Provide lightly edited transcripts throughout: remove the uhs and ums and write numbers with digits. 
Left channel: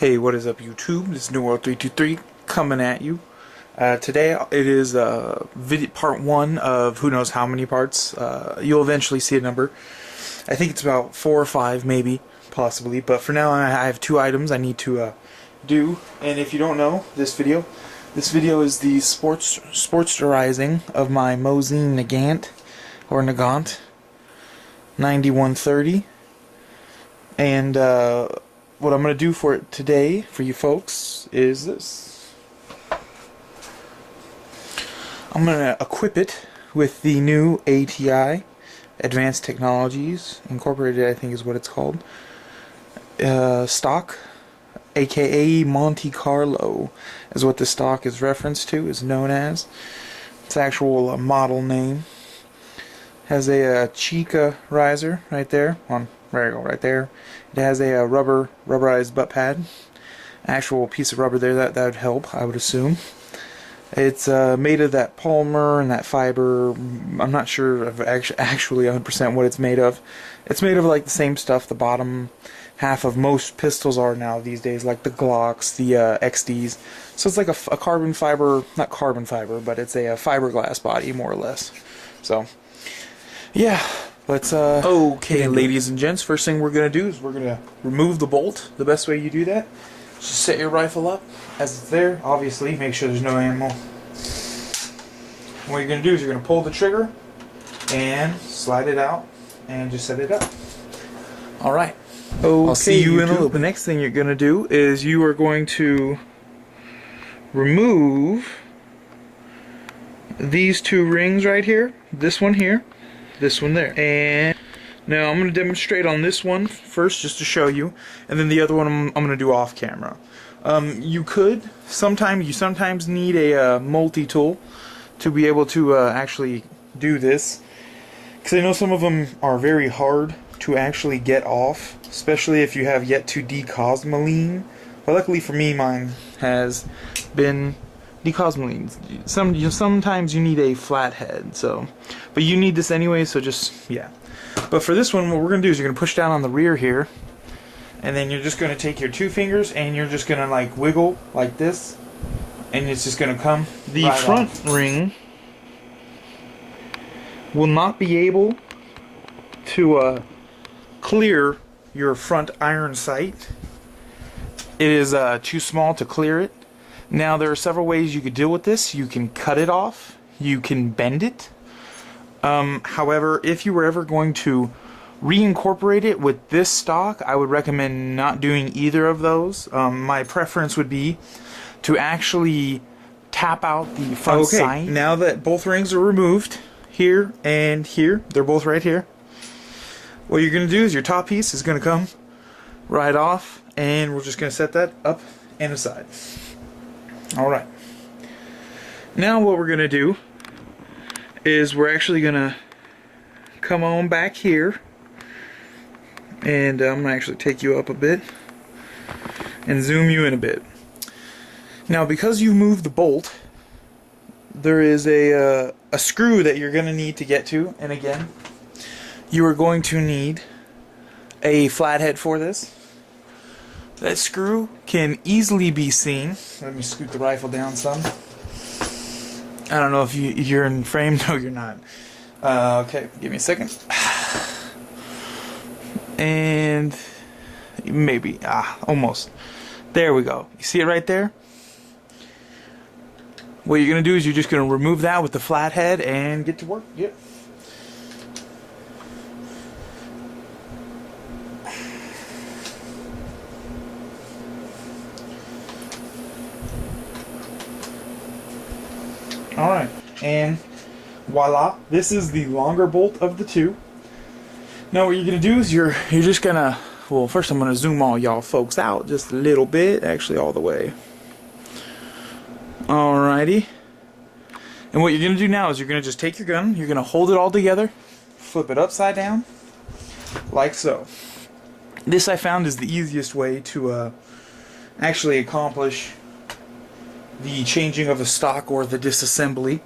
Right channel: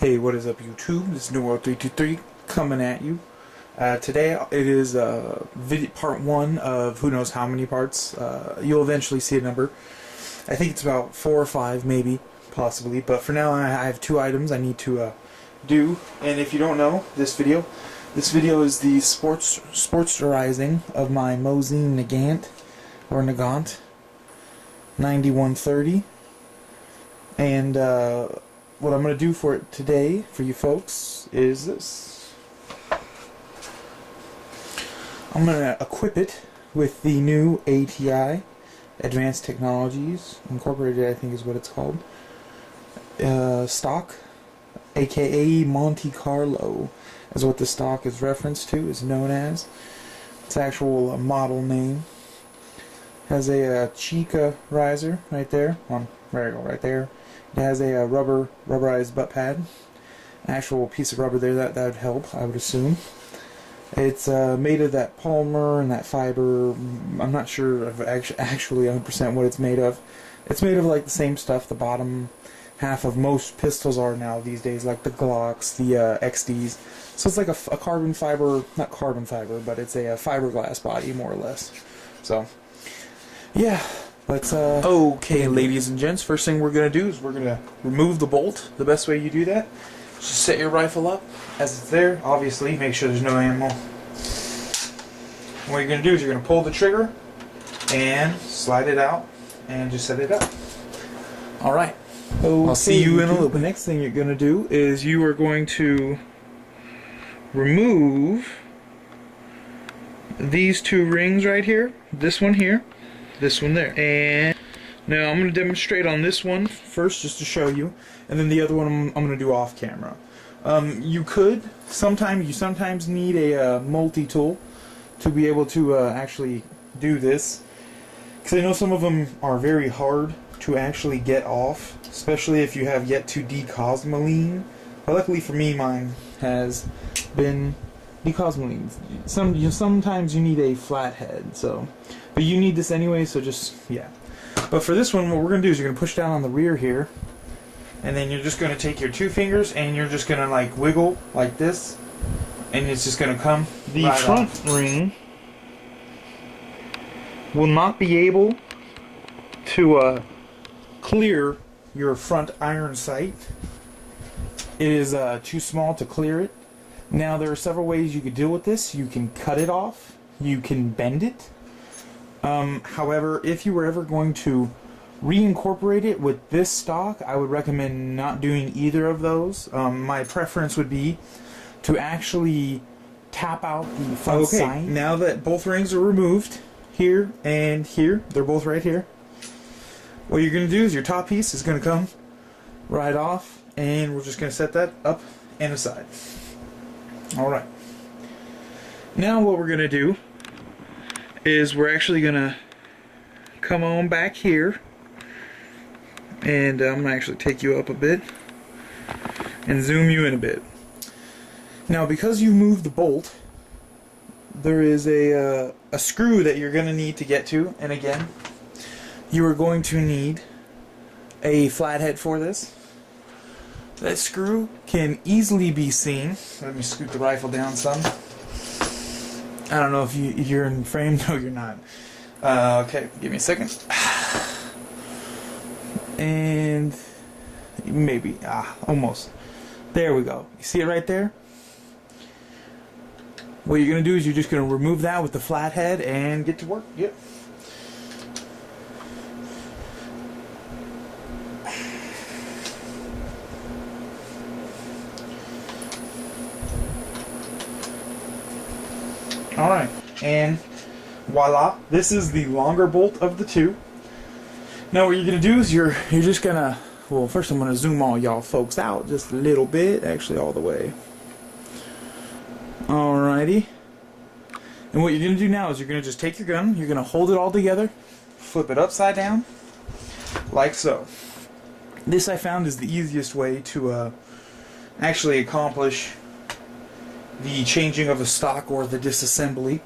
Hey, what is up, YouTube? This is New World 323 coming at you. Today it is part 1 of who knows how many parts. You'll eventually see a number. I think it's about 4 or 5, maybe, possibly. But for now, I have 2 items I need to do. And if you don't know, this video is the Sporterizing of my Mosin Nagant, or Nagant, 9130. And what I'm going to do for it today, for you folks, is this. I'm going to equip it with the new ATI, Advanced Technologies Incorporated, I think is what it's called, stock, aka Monte Carlo, is what the stock is referenced to, is known as. Its actual model name. Has a Chica riser right there. There you go, right there. It has a rubberized butt pad. Actual piece of rubber there, that would help, I would assume. It's made of that polymer and that fiber. I'm not sure of actually 100% what it's made of. It's made of like the same stuff the bottom half of most pistols are now these days, like the Glocks, the XDs. So it's like a carbon fiber, not carbon fiber, but it's a fiberglass body, more or less. So, yeah. Let's, okay, ladies and gents, first thing we're going to do is we're going to remove the bolt. The best way you do that is just set your rifle up as it's there. Obviously, make sure there's no ammo. What you're going to do is you're going to pull the trigger and slide it out and just set it up. Alright. Okay, I'll see you in a little bit. The next thing you're going to do is you are going to remove these 2 rings right here. This one here. This one there. And now I'm going to demonstrate on this one first just to show you, and then the other one I'm going to do off camera. You sometimes need a multi-tool to be able to actually do this, because I know some of them are very hard to actually get off, especially if you have yet to decosmoline. But luckily for me, mine has been decosmoline. Sometimes you need a flathead, but you need this anyway, so just, yeah. But for this one, what we're going to do is you're going to push down on the rear here, and then you're just going to take your 2 fingers and you're just going to like wiggle like this, and it's just going to come the right front off. Ring will not be able to clear your front iron sight. It is too small to clear it. Now, there are several ways you could deal with this. You can cut it off. You can bend it. However, if you were ever going to reincorporate it with this stock, I would recommend not doing either of those. My preference would be to actually tap out the front sight. Now that both rings are removed, here and here, they're both right here, what you're going to do is your top piece is going to come right off, and we're just going to set that up and aside. Alright, now what we're going to do is we're actually going to come on back here, and I'm going to actually take you up a bit and zoom you in a bit. Now, because you moved the bolt, there is a screw that you're going to need to get to, and again, you are going to need a flathead for this. That screw can easily be seen. Let me scoot the rifle down some. I don't know if you're in frame. No, you're not. Okay, give me a second. And maybe, almost. There we go. You see it right there? What you're going to do is you're just going to remove that with the flathead and get to work. Yep. Alright, and voila, this is the longer bolt of the 2. Now what you're going to do is you're just going to, well, first I'm going to zoom all y'all folks out just a little bit, actually all the way. Alrighty. And what you're going to do now is you're going to just take your gun, you're going to hold it all together, flip it upside down, like so. This I found is the easiest way to actually accomplish the changing of a stock or the disassembly.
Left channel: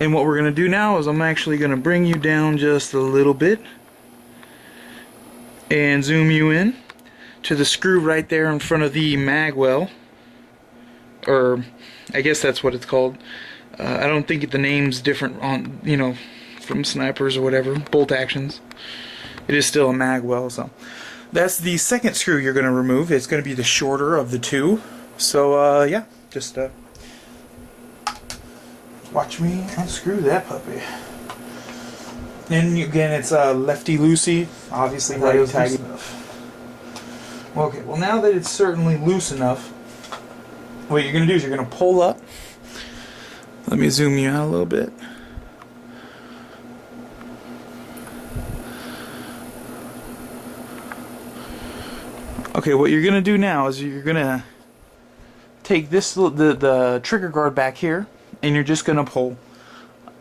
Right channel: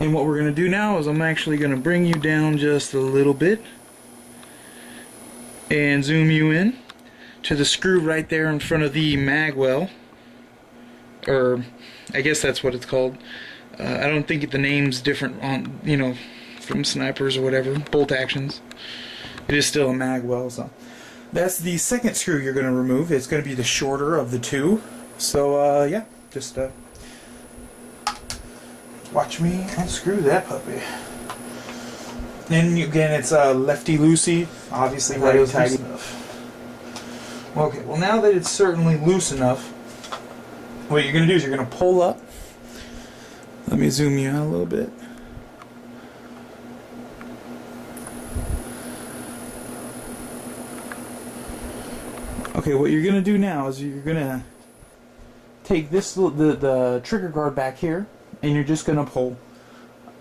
And what we're going to do now is I'm actually going to bring you down just a little bit and zoom you in to the screw right there in front of the mag well, or I guess that's what it's called. I don't think the name's different on, you know, from snipers or whatever, bolt actions. It is still a mag well, so that's the second screw you're going to remove. It's going to be the shorter of the two. So yeah, just watch me unscrew that puppy. And again, it's lefty loosey, obviously righty tighty enough. Okay, well now that it's certainly loose enough, what you're going to do is you're going to pull up. Let me zoom you out a little bit. Okay, what you're going to do now is you're going to take this the trigger guard back here, and you're just going to pull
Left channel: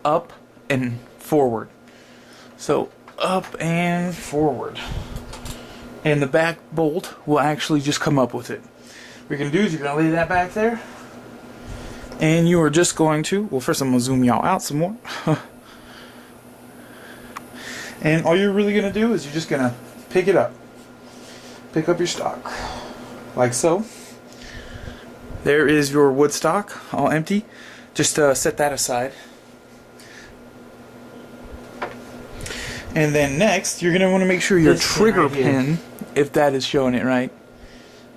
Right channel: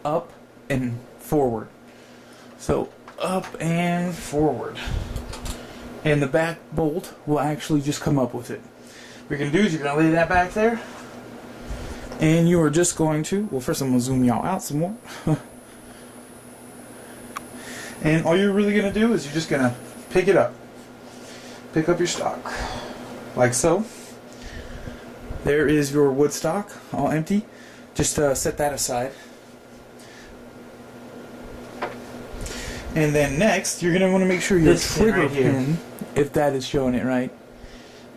up and forward. So up and forward. And the back bolt will actually just come up with it. What you're going to do is you're going to lay that back there. And you are just going to, well, first I'm going to zoom y'all out some more. And all you're really going to do is you're just going to pick it up. Pick up your stock. Like so. There is your wood stock, all empty. Just set that aside. And then next, you're going to want to make sure your trigger pin, if that is showing it right.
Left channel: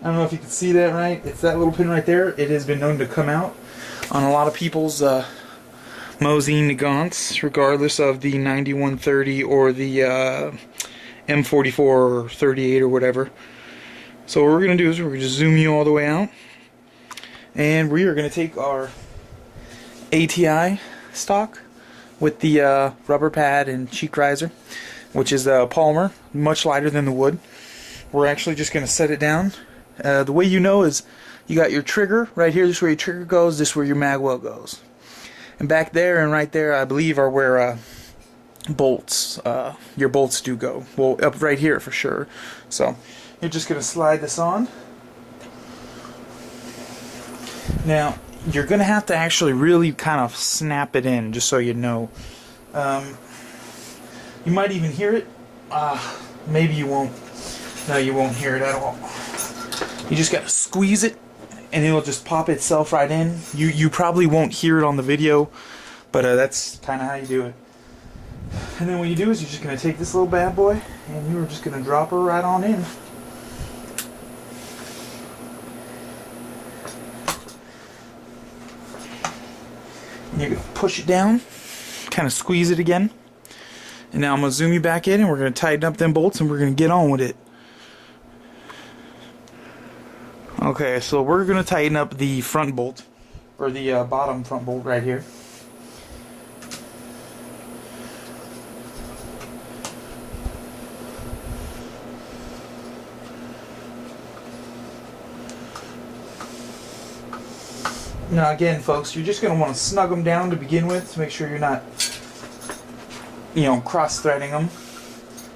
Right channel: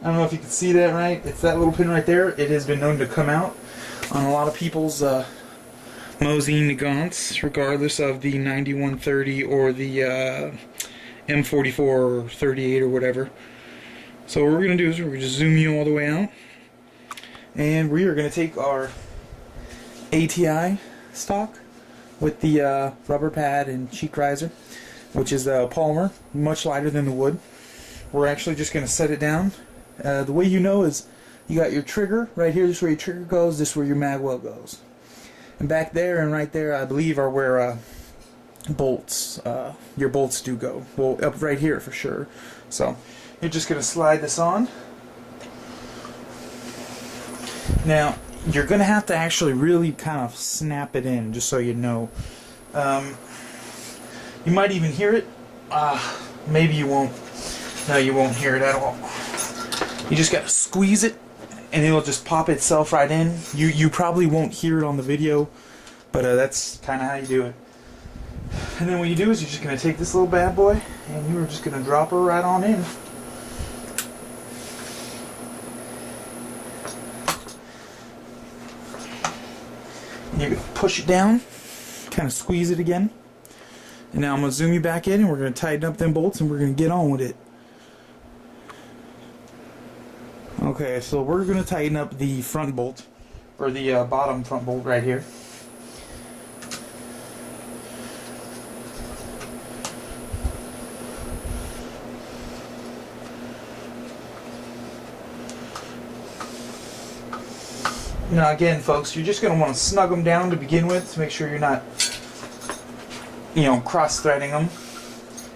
I don't know if you can see that right. It's that little pin right there. It has been known to come out on a lot of people's Mosin Nagants, regardless of the 9130 or the M44 or 38 or whatever. So what we're going to do is we're going to just zoom you all the way out. And we are going to take our ATI stock with the rubber pad and cheek riser, which is polymer, much lighter than the wood. We're actually just going to set it down. The way you know is you got your trigger right here. This is where your trigger goes. This is where your mag well goes. And back there and right there, I believe, are where bolts, your bolts do go. Well, up right here for sure. So you're just going to slide this on. Now, you're going to have to actually really kind of snap it in, just so you know. You might even hear it. Maybe you won't. No, you won't hear it at all. You just got to squeeze it, and it'll just pop itself right in. You probably won't hear it on the video, but that's kind of how you do it. And then what you do is you're just going to take this little bad boy, and you're just going to drop her right on in. You're going to push it down, kind of squeeze it again. And now I'm going to zoom you back in, and we're going to tighten up them bolts, and we're going to get on with it. Okay, so we're going to tighten up the front bolt, or the bottom front bolt right here. Now again, folks, you're just going to want to snug them down to begin with to make sure you're not, you know, cross-threading them.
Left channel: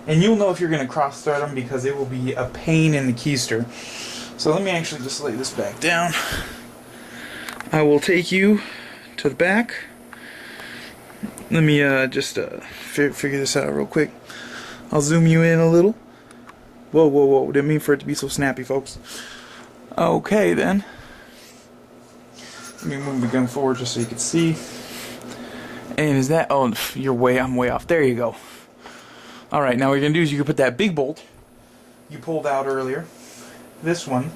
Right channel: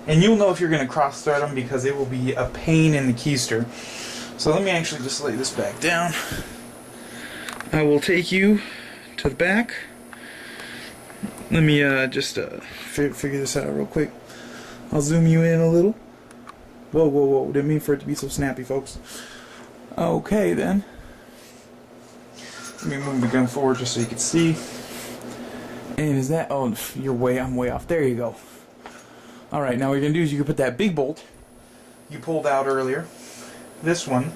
And you'll know if you're going to cross-thread them because it will be a pain in the keister. So let me actually just lay this back down. I will take you to the back. Let me just figure this out real quick. I'll zoom you in a little. Whoa, whoa, whoa. Didn't mean for it to be so snappy, folks. Okay, then. Let me move the gun forward just so you can see. And is that... Oh, I'm way off. There you go. Alright, now what you're going to do is you can put that big bolt you pulled out earlier. This one.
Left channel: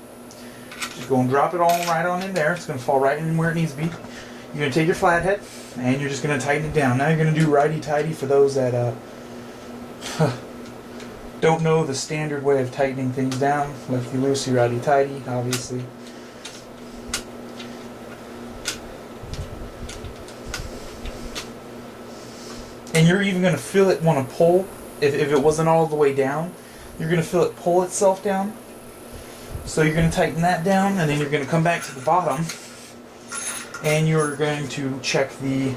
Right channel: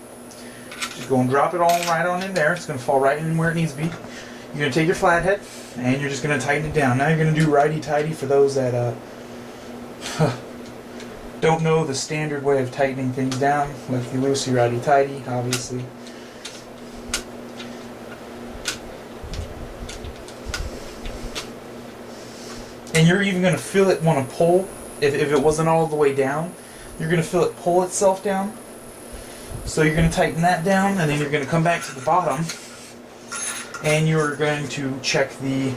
Just go and drop it all right on in there. It's going to fall right in where it needs to be. You're going to take your flathead, and you're just going to tighten it down. Now you're going to do righty-tighty for those that don't know the standard way of tightening things down. Lefty-loosey, righty-tighty, obviously. And you're even going to feel it want to pull. If it wasn't all the way down, you're going to feel it pull itself down. So you're going to tighten that down, and then you're going to come back to the bottom, and you're going to check the...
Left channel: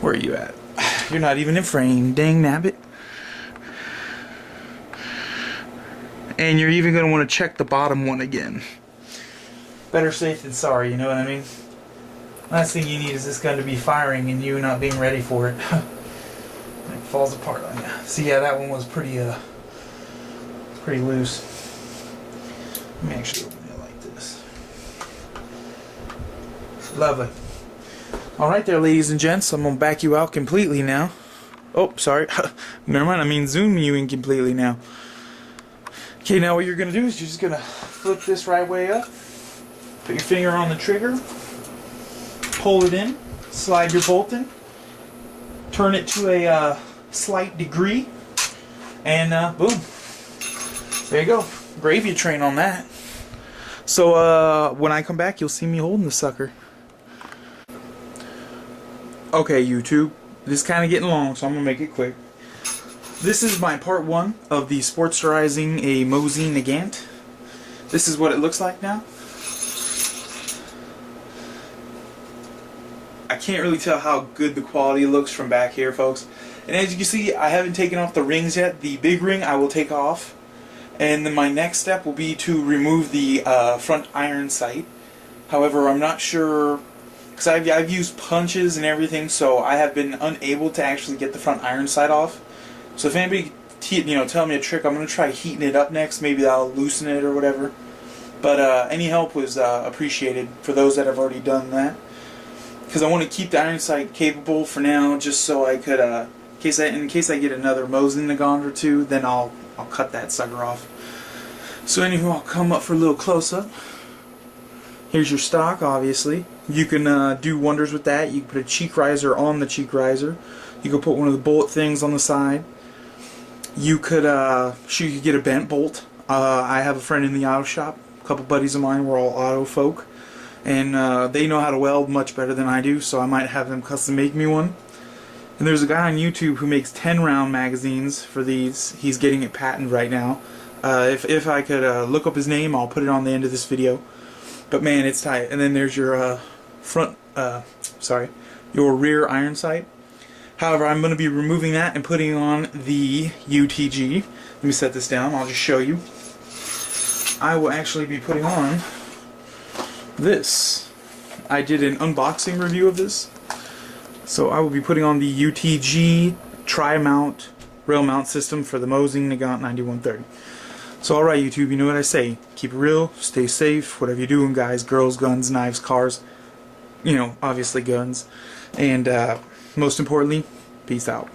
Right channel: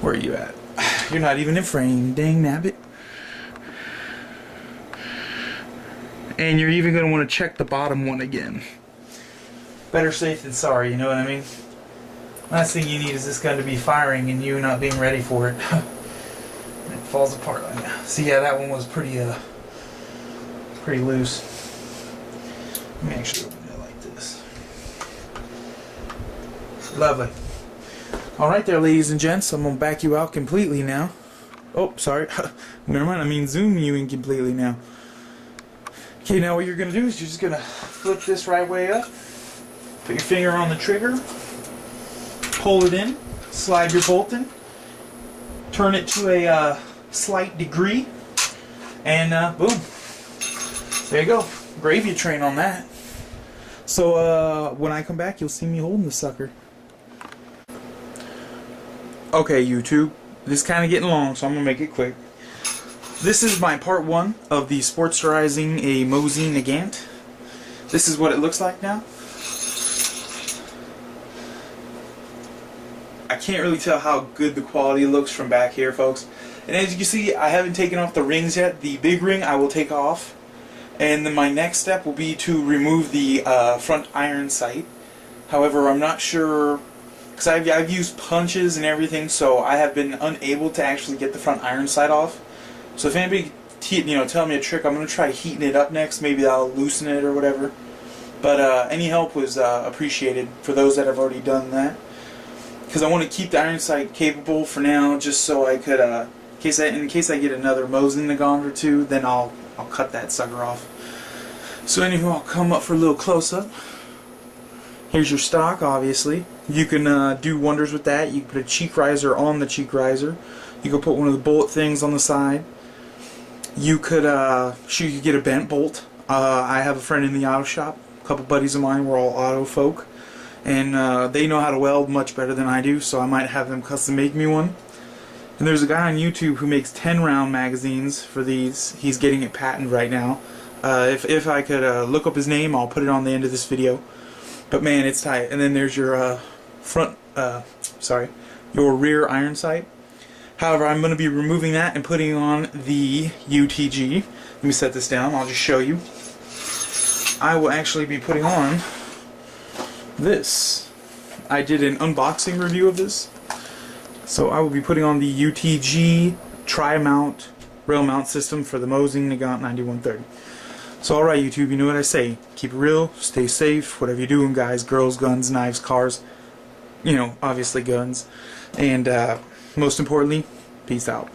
Where are you at? You're not even in frame. Dang nabbit. And you're even going to want to check the bottom one again. Better safe than sorry, you know what I mean? Last thing you need is this gun to be firing and you not being ready for it. It falls apart on you. See, yeah, that one was pretty loose. Let me actually open it like this. Lovely. Alright there, ladies and gents, I'm going to back you out completely now. Oh, sorry. Never mind, I mean zoom you in completely now. Okay, now what you're going to do is you're just going to flip this right way up. Put your finger on the trigger. Pull it in. Slide your bolt in. Turn it to a slight degree. And boom. There you go. Gravy train on that. So when I come back, you'll see me holding the sucker. Okay, YouTube. This is kind of getting long, so I'm going to make it quick. This is my part 1 of the Sporterizing a Mosin Nagant. This is what it looks like now. I can't really tell how good the quality looks from back here, folks. And as you can see, I haven't taken off the rings yet. The big ring I will take off. And then my next step will be to remove the front iron sight. However, I'm not sure, because I've used punches and everything, so I have been unable to actually get the front iron sight off. So if anybody tell me a trick, I'm going to try heating it up next. Maybe that'll loosen it or whatever. But any help was appreciated for those that have already done that. Because I want to keep the iron sight capable for now, just so I could, in case I get another Mosin Nagant or two, then I'll cut that sucker off. So anywho, I'll come up for a little close-up. Here's your stock, obviously. You can do wonders with that. You can put a cheek riser on the cheek riser. You could put one of the bullet things on the side. You could you could get a bent bolt. I have a friend in the auto shop. A couple buddies of mine. We're all auto folk. And they know how to weld much better than I do, so I might have them custom make me one. And there's a guy on YouTube who makes 10-round magazines for these. He's getting it patented right now. If I could look up his name, I'll put it on the end of this video. But man, it's tight. And then there's your your rear iron sight. However, I'm going to be removing that and putting on the UTG. Let me set this down. I'll just show you. I will actually be putting on this. I did an unboxing review of this. So I will be putting on the UTG tri-mount rail mount system for the Mosin Nagant 9130. So alright YouTube, you know what I say. Keep it real, stay safe, whatever you're doing guys, girls, guns, knives, cars, obviously guns. And most importantly, peace out.